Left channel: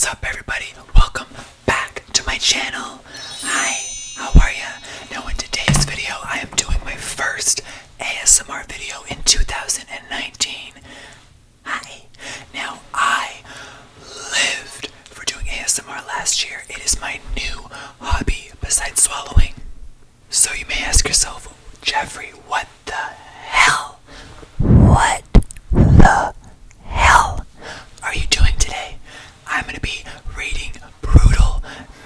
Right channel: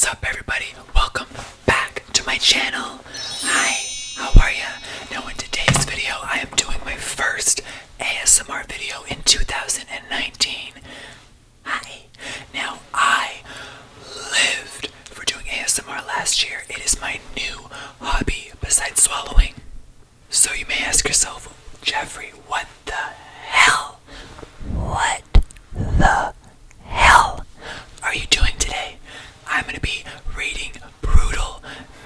What's up, everybody? Welcome back to my channel. Hi, how are ya? Now in today's video, I am doing my first ASMR video in 2019. Hi. Now, I lived for doing ASMR last year. It is my new hobby besides swallowing. So you may ask yourself, Jeffree, what the hell? What the hell are you doing today? I'm going to be reading brutal,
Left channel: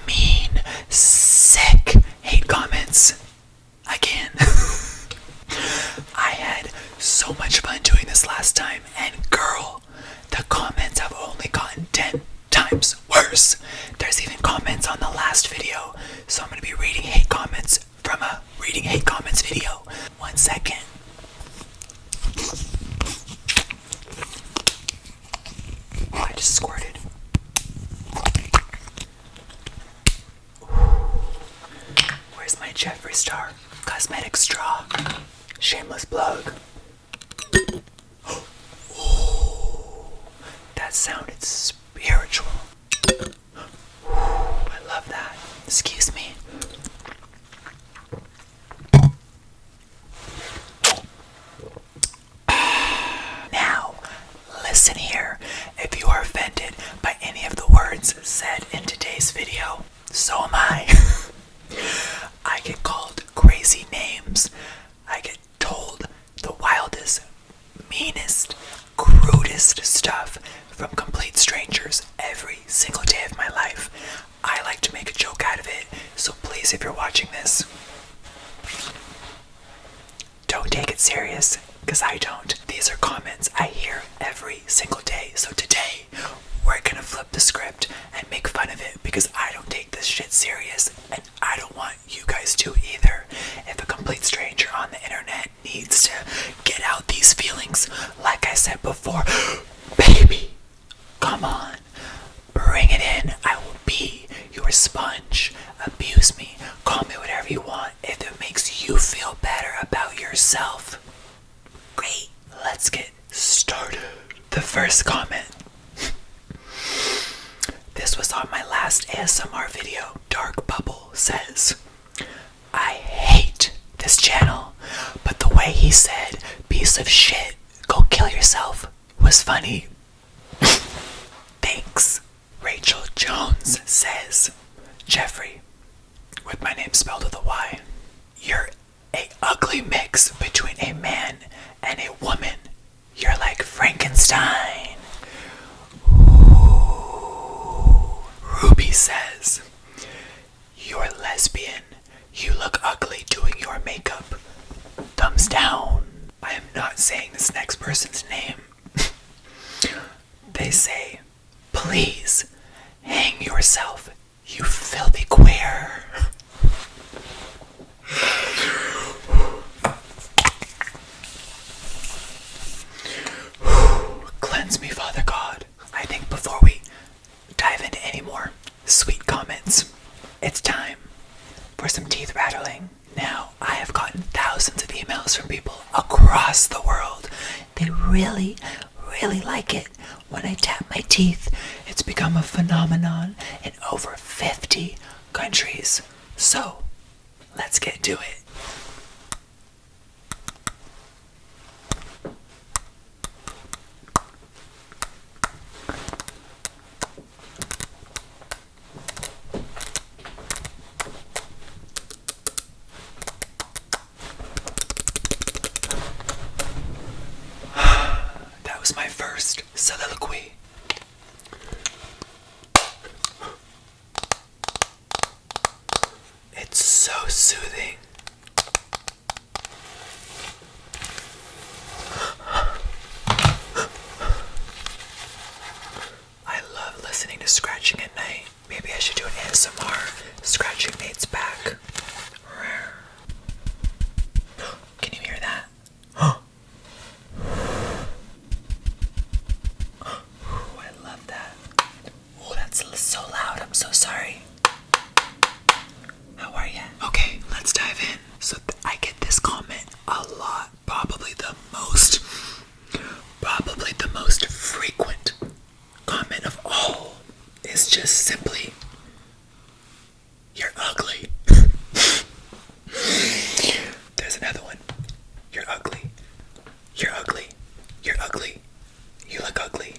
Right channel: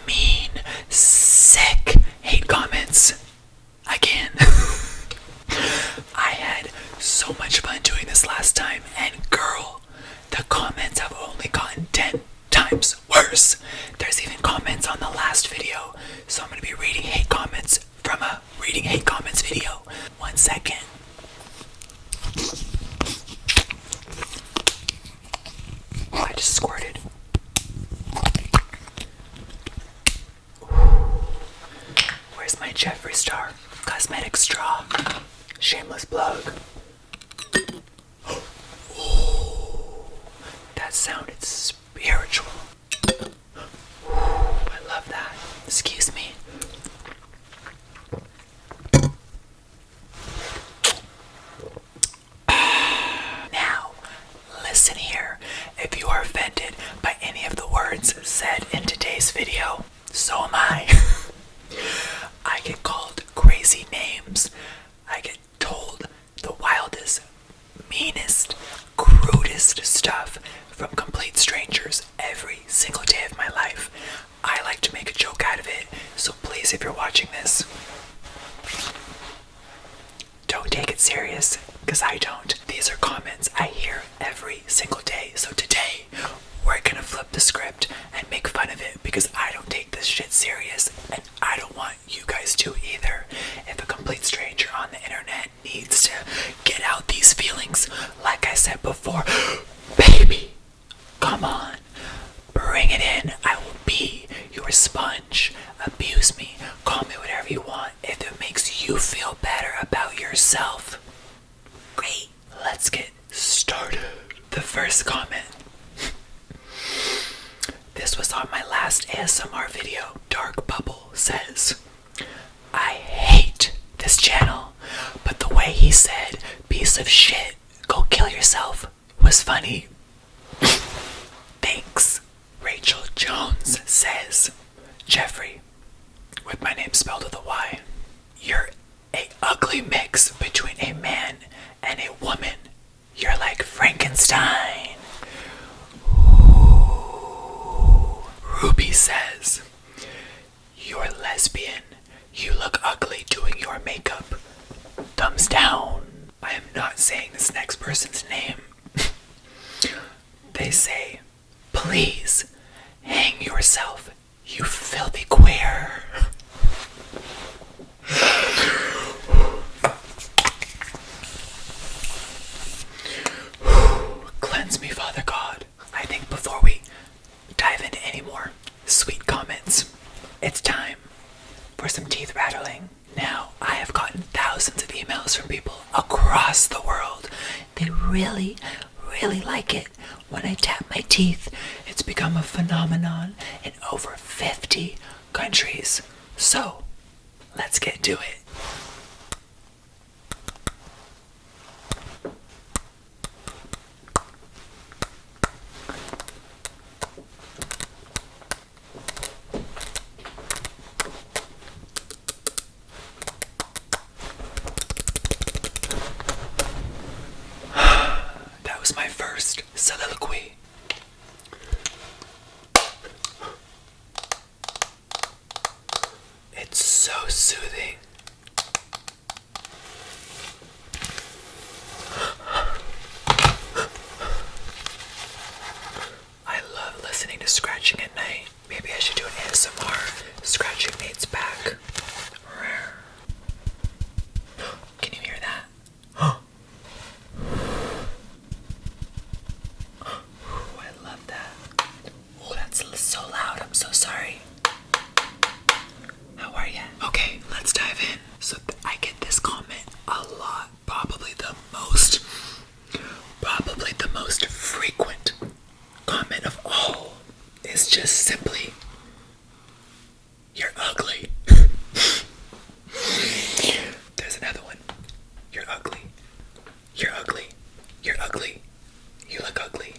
mean, sick hate comments again. I had so much fun doing this last time, and girl, the comments have only gotten 10 times worse. There's even comments on the last video, so I'm going to be reading hate comments from a reading hate comments video. 1 second. Oh, I just squirted. Where's my Jeffree Star cosmetic straw? Shameless plug. Ooh, that sounded spiritual. Ooh, I love that. Excuse me. Now, listen here. If you are offended by any of the words said in today's video, so am I. I get called crazy names. I get told the wildest, meanest, crudest stuff from complete strangers every single day of my life. I like to make a joke out of it, so please, if you're watching this, don't take it serious, because I don't. These are comments I hear every single day, so today we're gonna flip the script and make fun of it, because I don't take this shit serious, and I don't want you guys to either. If a complete stranger on the internet needs to get out these feelings, like I said before, baby, come on, bring it in. I will be your sponge. Abuse me, call me whatever you want, if it makes you feel better about yourself. Great, let's get started. The first comment. This was on my last ASMR video. Dark Bubble says, I hate this channel, but the way he said, piece of shit, go kill yourself, was funny. Thanks. Rachel Jones says, Jeffree, with my name spelled with a Y, you're a ugly mix between a man and a woman. You're like Frankenstein. Ooh. Ruby says, you're lesbian. You look ugly doing your makeup. Thumbs down. I am not saying this next person's name. They say, please hang yourself, you filthy queer. Cleanse me, Father God. I think before we dive into any more sweet comments, it's time for some teeth rattling. Now, I have gotten thousands of emails from people across the world. They really like it when I tap my teeth. It's become a phenomenon in over 50 countries. So, let's get to it. That was my first soliloquy. It's so soothing. I love listening to scratching at night. Maybe I should do an ASMR scratching Nate's back. Can you hear that? Oh, I love that. Oh, that's so loud. I'm so sorry. How are you? Okay, let's dive in. So I get this comment a lot. Probably the most frequent comment of all is just simply, you're ugly. There's another one. You're ugly. You're ugly. You're ugly. You look ugly.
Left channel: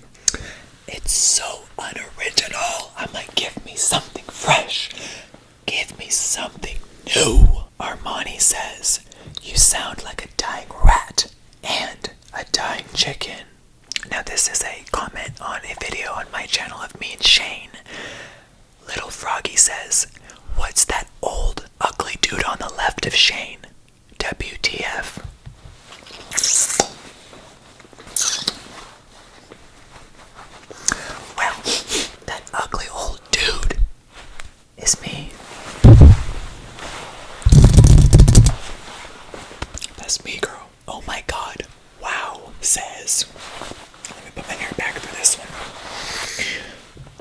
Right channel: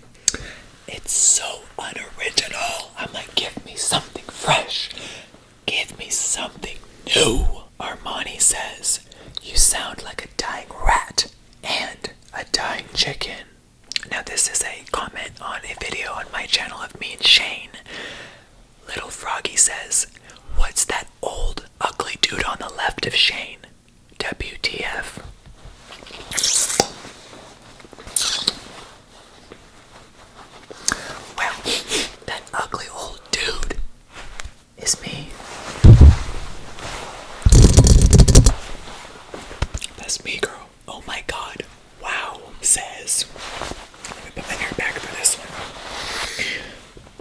It's so unoriginal. I'm like, give me something fresh. Give me something new. Armani says, you sound like a dying rat and a dying chicken. Now this is a comment on a video on my channel of me and Shane. Little Froggy says, what's that old ugly dude on the left of Shane? WTF. Well, that ugly old dude is me. That's me, girl. Oh my god. Wow, says. Let me put my hair back for this one.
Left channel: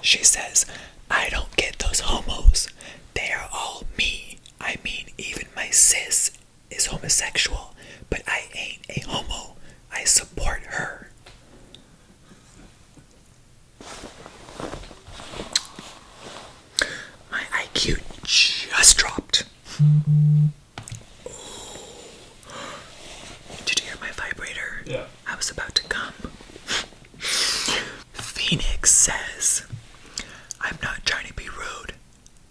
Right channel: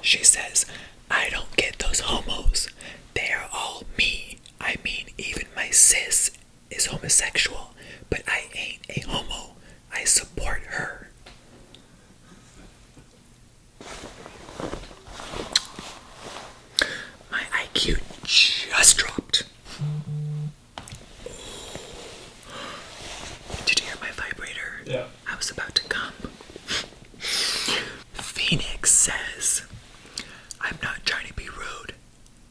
She says, I don't get those homos. They are all me. I mean, even my sis is homosexual, but I ain't a homo. I support her. My IQ just dropped. Did you hear my vibrator? Yeah. I was about to come. Phoenix says, I'm not trying to be rude,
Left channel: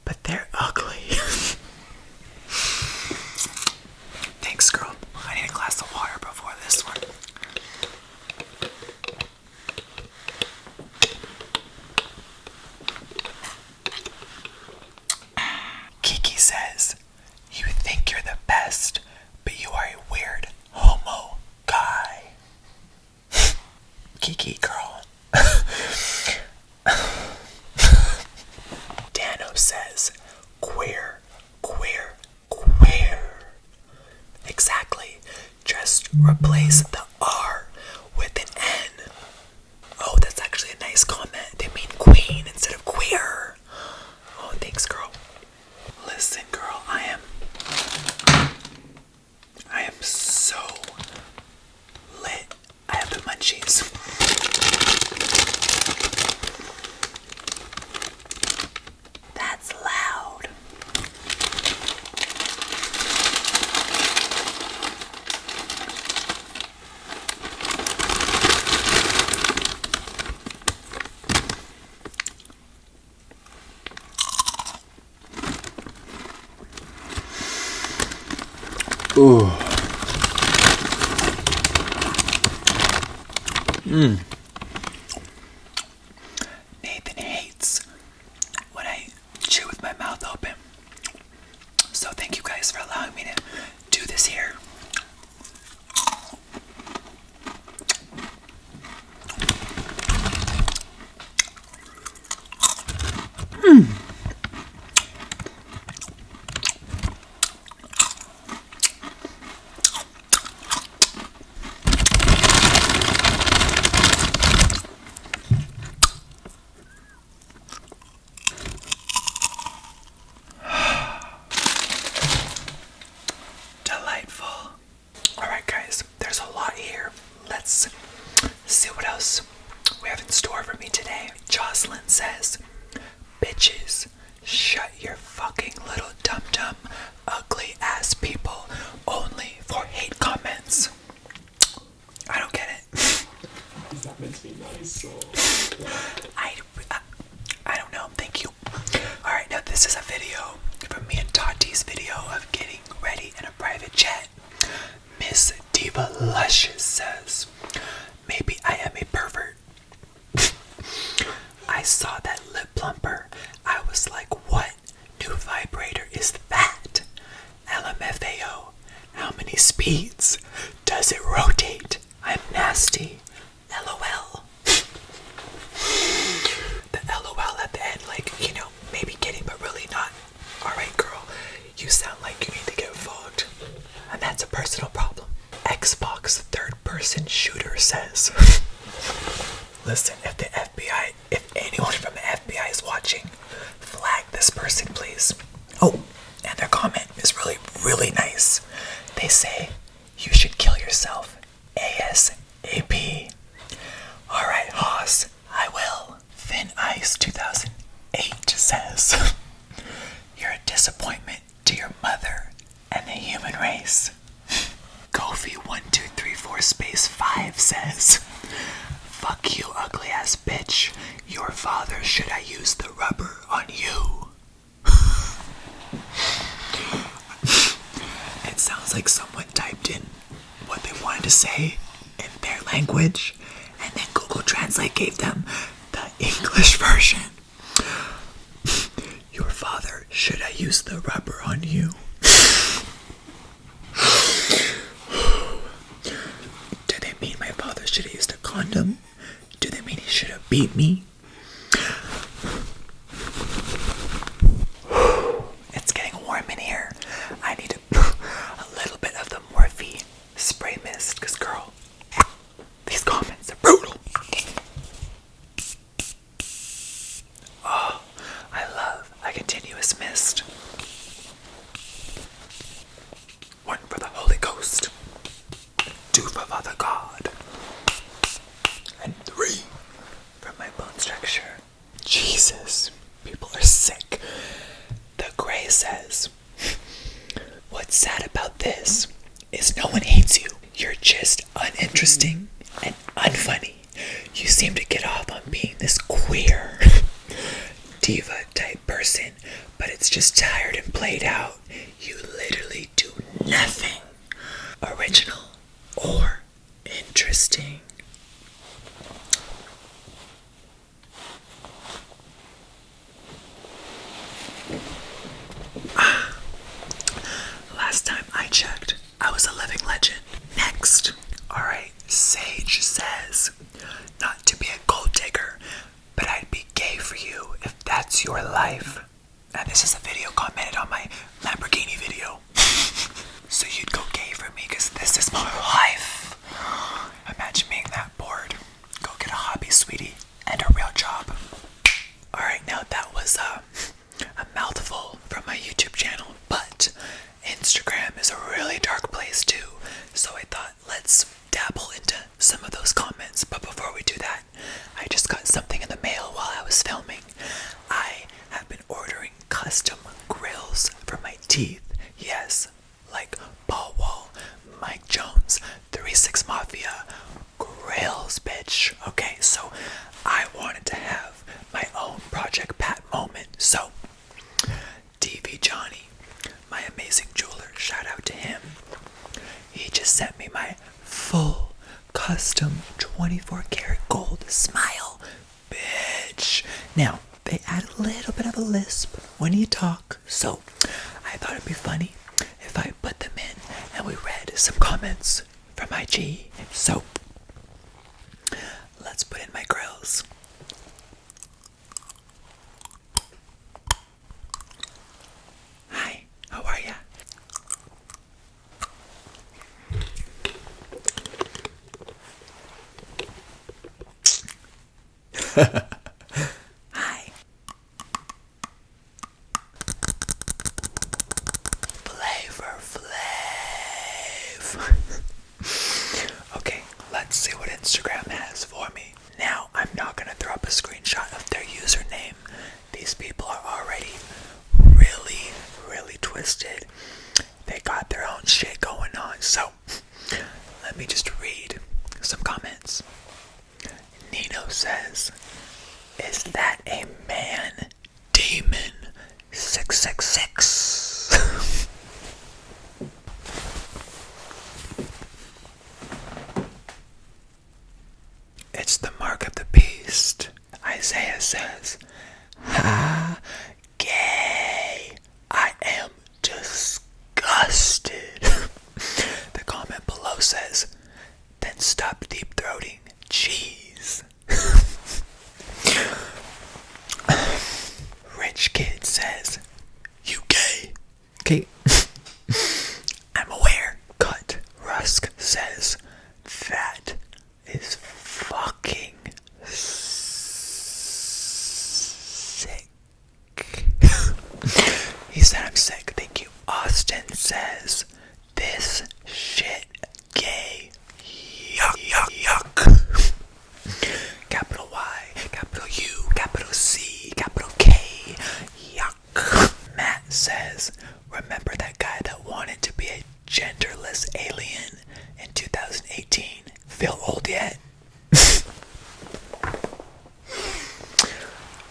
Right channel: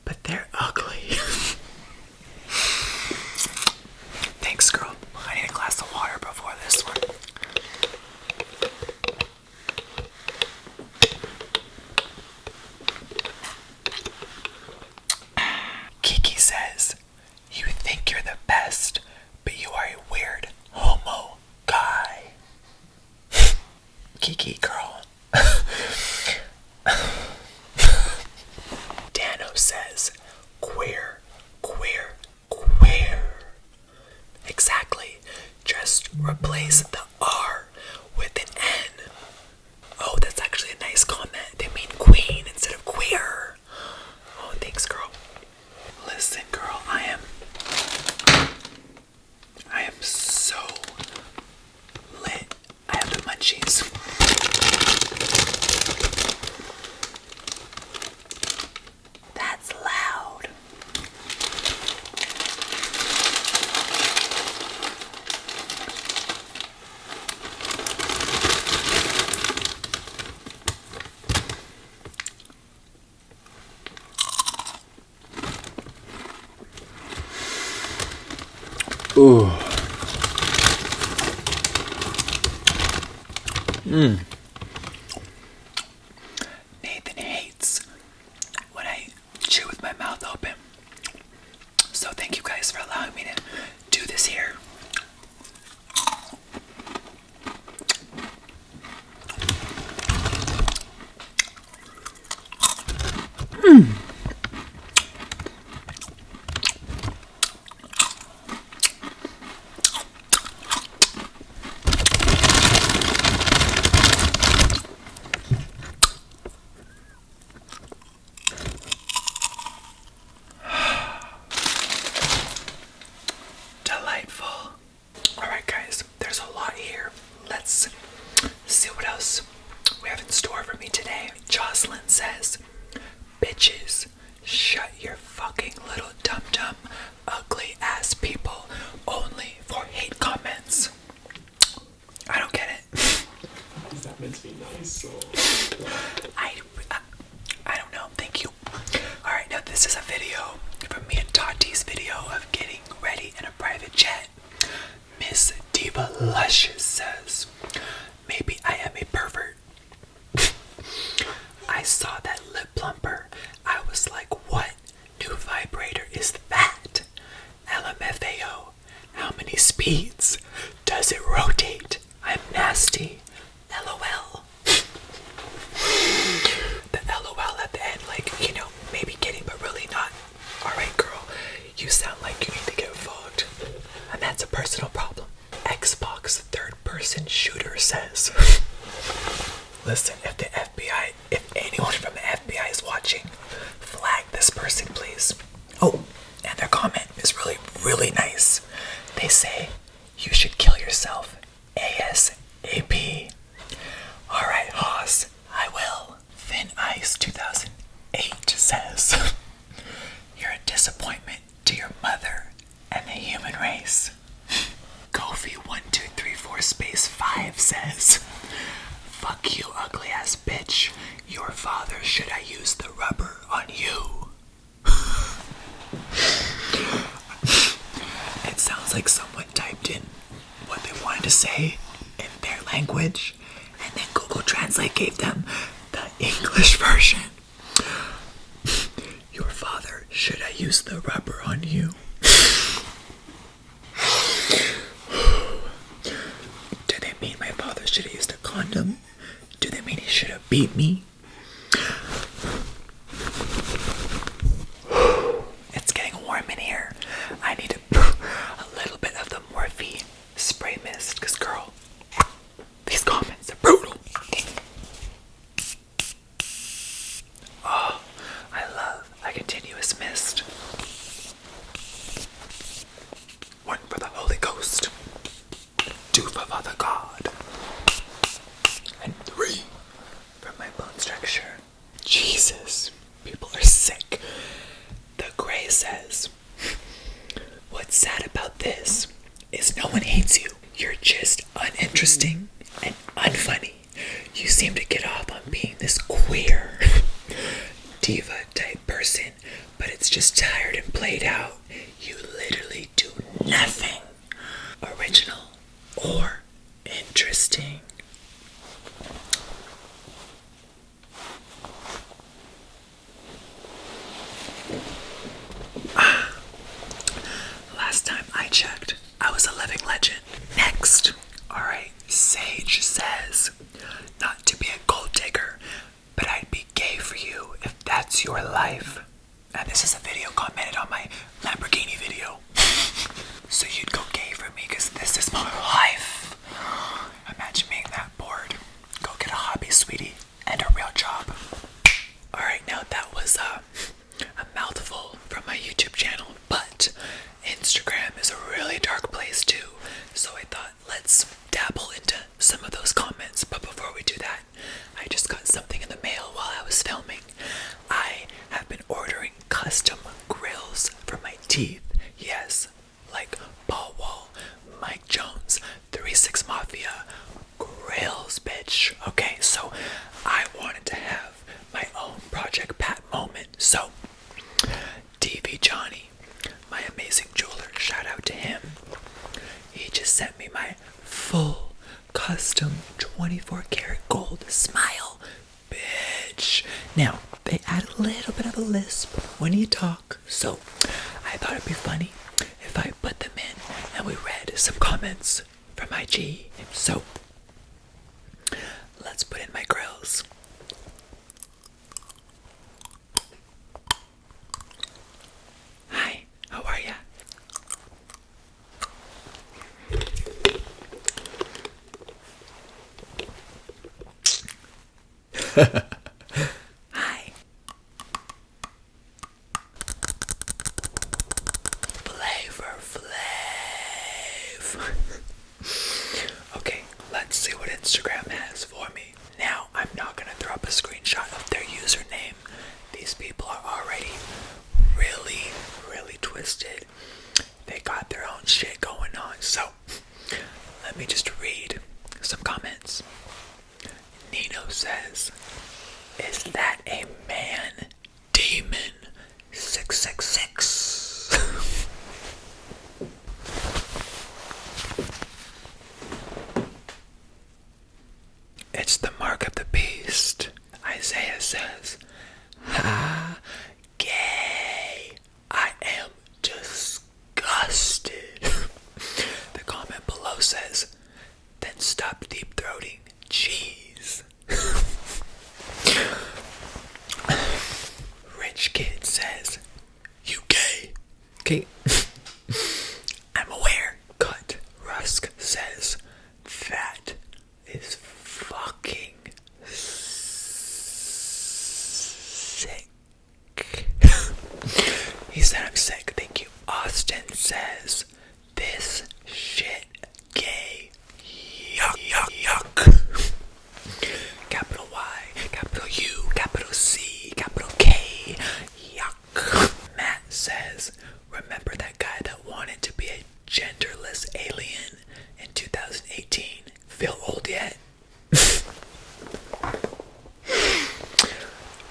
but they're ugly. Thanks, girl. I need a glass of water before this one. Kiki says, you think you're the best, but you are a weird homo guy. Kiki, girl. Dano says, queer, queer, queer. Exactly. Just replace the R with an N. Oh, that's actually a nice comment. They mean queen instead of queer. Oh, thanks, girl. Listen, girl, I am so lit. I have the munchies. That's loud. Ooh. Nathan hates when I chew with my mouth open. So thank you guys for allowing me to do this here. Delightful. Alright guys, there's a lot here. Let's see what else we have in store for me today. Jocelyn says, bitches, shut your fucking little dum-dum ugly ass people only for hate comments. I don't get it. That meant to be nice, so... I don't know, thank you. Alright, now this is a video from me and Tati's video of getting ready in a private jet. Miss Diva Luscious says, maybe I am a pervert. I saw that lip plumper. I was like, what new vibrator is that? LMFAO. How many speeds? Does it rotate? I'm nasty. LOL. The LOL at the end, like, you know, maybe kidding, but really not. Alright, girl, you sound like you need to get fucked. And that's a personal problem. Xbox third person shooter says, listen, if the FBI, if anyone from the FBI is watching, flag this person, please. Oh, and their comment is really, really nice. They say, you should 8 says, you're a disappointment to your mother and the human race. Kofi1234 space 5 says, fuck you, ugly ass bitch. Your father, should I use the rubber on you? It sounds like someone typed in what they wanted to say in their language, and then Google Translate gave them the English version. Your father, should I use the rubber on you? Do they mean my father should have used a condom? Do they mean he should have beat me? It's getting warm in here. I need a little bit of the Morphe spray mist, because girl, these comments are brutal. Oh, I love a continuous mist. 1 for the Holy Ghost, 2 for Father God, and 3 for my bone structure. Jesus, people are sick. The Gray says, what's sad about this is no one hates you. You're just uninteresting and unfunny. You seem to get off on being this queer diva type person, but it's just tired and played out. You literally do nothing original or interesting. Last time I checked, I was a living legend. Next. Alright, Sage says, not to be a gold digger, but I'd be gay for you if that's your life. And this is a video commented on my Lamborghini video. So you'd go gay for me because this is my life. Imagine being that bored. Go get a hobby, sweetie, and a real job. Alright, now that was a mouthful from my YouTube channel, but Instagram is a really dark place too. So I thought, let's dabble into some of those comments. But before we do that, I just got something in the mail while I was filming. I have been ordering custom grills for my teeth. Yes, like Paul Wall, Mike Jones, 3-6 Mafia, grills, bitch. Okay, so I wanted to have my own Project Pat moment. So, DV Johnny, my amazing jeweler, shout out to him. He just sent me my full custom 24 karat gold smile, bitch. Now, they add a little bit of a lisp when you talk, so I thought it'd be funny if I put them in and we read some comments from IG. So, let's put in my grills. Hi, how are ya? Hi. Flavor Flav. Okay, let's see what Instagram has for me. Now, I'm not gonna throw up a screenshot of their username. These people are already really twisted. They got their own shit going on. So, let me just read some comments. Nino says, is that a man? Demon 666. It's the mark of the beast. Isaiah says, ha, gay. I am disgusted. The comment below says, then stop deep throating. Jeez. Rich Kid says, you gay. Okay. I'm aware. Cut. Rusk says, that is fucking sick. He said I'm sick. Thank you. Austin says, this shit gay. Yuck, yuck, yuck. Capital Y, capital U, capital C, capital K. says, remember that guy that wanted to be a genderless alien in 2018? Feel old yet?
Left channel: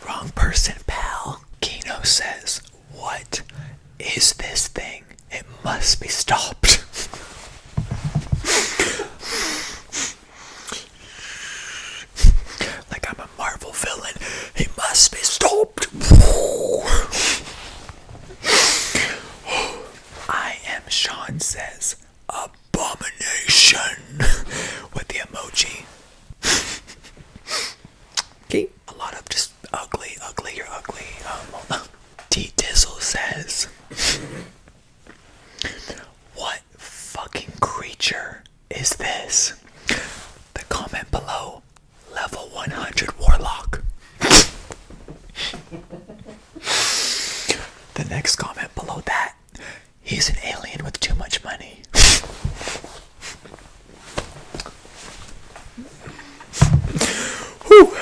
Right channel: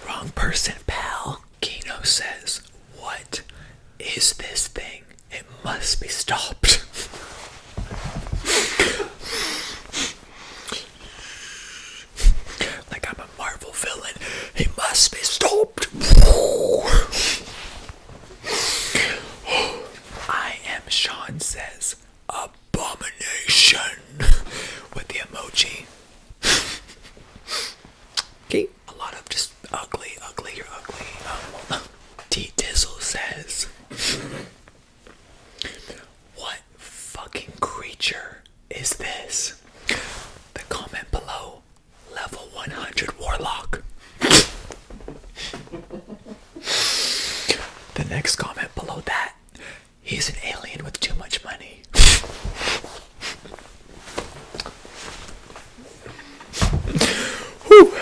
Wrong person, pal. Kino says, what is this thing? It must be stopped. Like I'm a Marvel villain. He must be stopped. I am Sean says, abomination, with the emoji. Okay. A lot of just ugly, you're ugly. T Dizzle says, what fucking creature is this? The comment below, level 100 warlock. The next comment below that, he's an alien with too much money. Whew.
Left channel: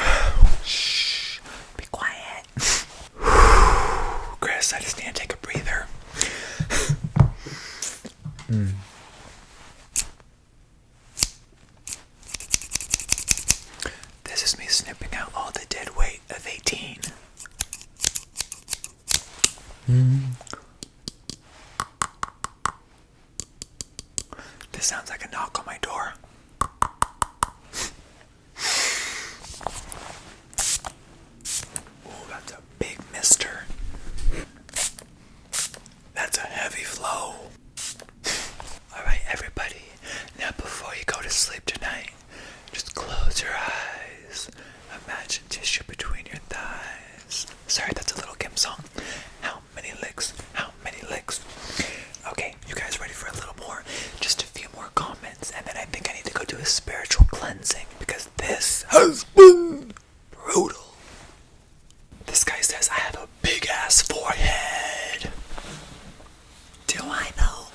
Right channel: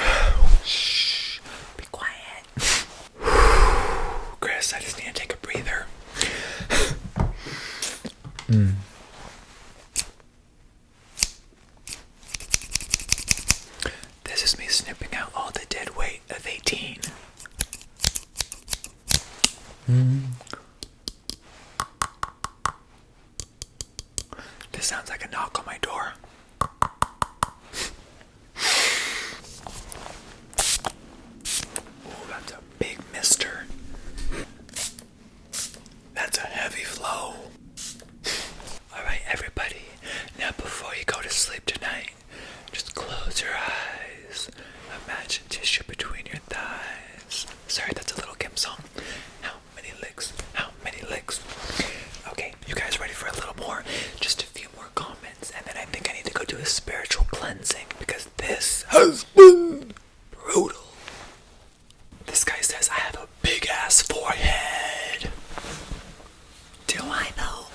Shh, be quiet. Chris, I just need to take a breather. This is me snipping out all the dead weight of 18. This sounds like a knock on my door. Oh, that's a big mister. That's a heavy flow. Alright, everybody. Now, before you go to sleep tonight, just close your eyes. Imagine tissue between your thighs. Sorry, that's a Little Kim song. How many licks? How many licks? Okay, you guys ready for a little more? Just a few more comments, and then I think I need to go do a spiritual cleansing because this has been brutal. This guy says I have a big ass forehead. Do I know?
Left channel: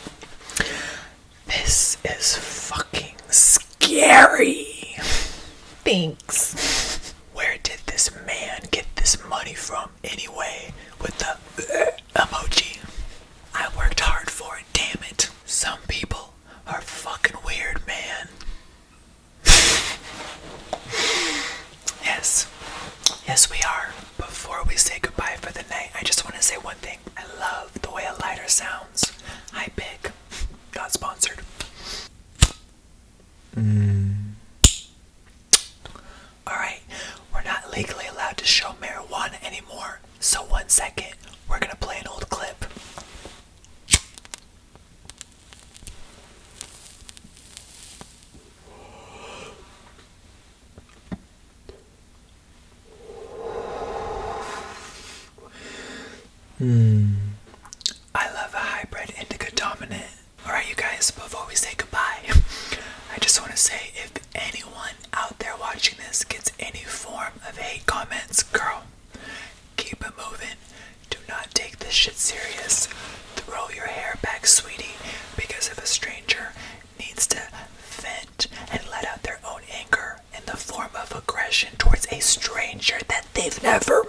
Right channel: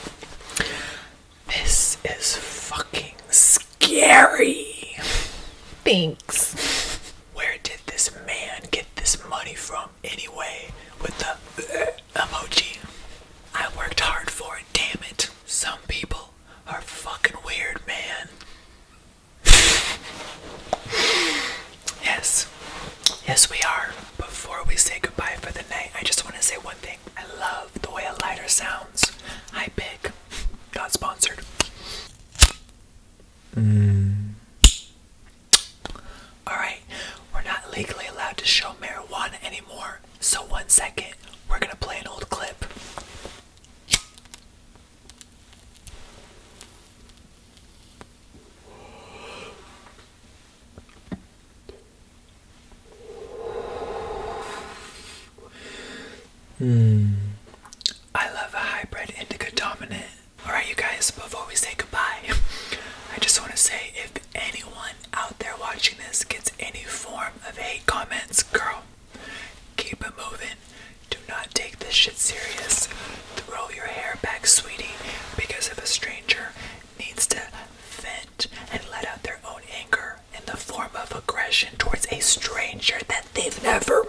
This is fucking scary. Thanks. Where did this man get this money from anyway? With the emoji. I worked hard for it, damn it. Some people are fucking weird, man. Yes, we are. Before we say goodbye for the night, I just want to say one thing. I love the way a lighter sounds. Hi, Pig. Not sponsored. Alright, we're not legally allowed to show marijuana anymore. So 1 second, we're gonna play an old clip. I love a hybrid indica dominant. Alright, you guys, before we say goodbye, I just want to say if anyone out there watching this gets any form of hate comments, girl, keep it moving. Do not take this shit serious. Throw your hair back, sweetie, because if a stranger needs to vent and let out their own anger in the form of aggression towards a stranger that they've never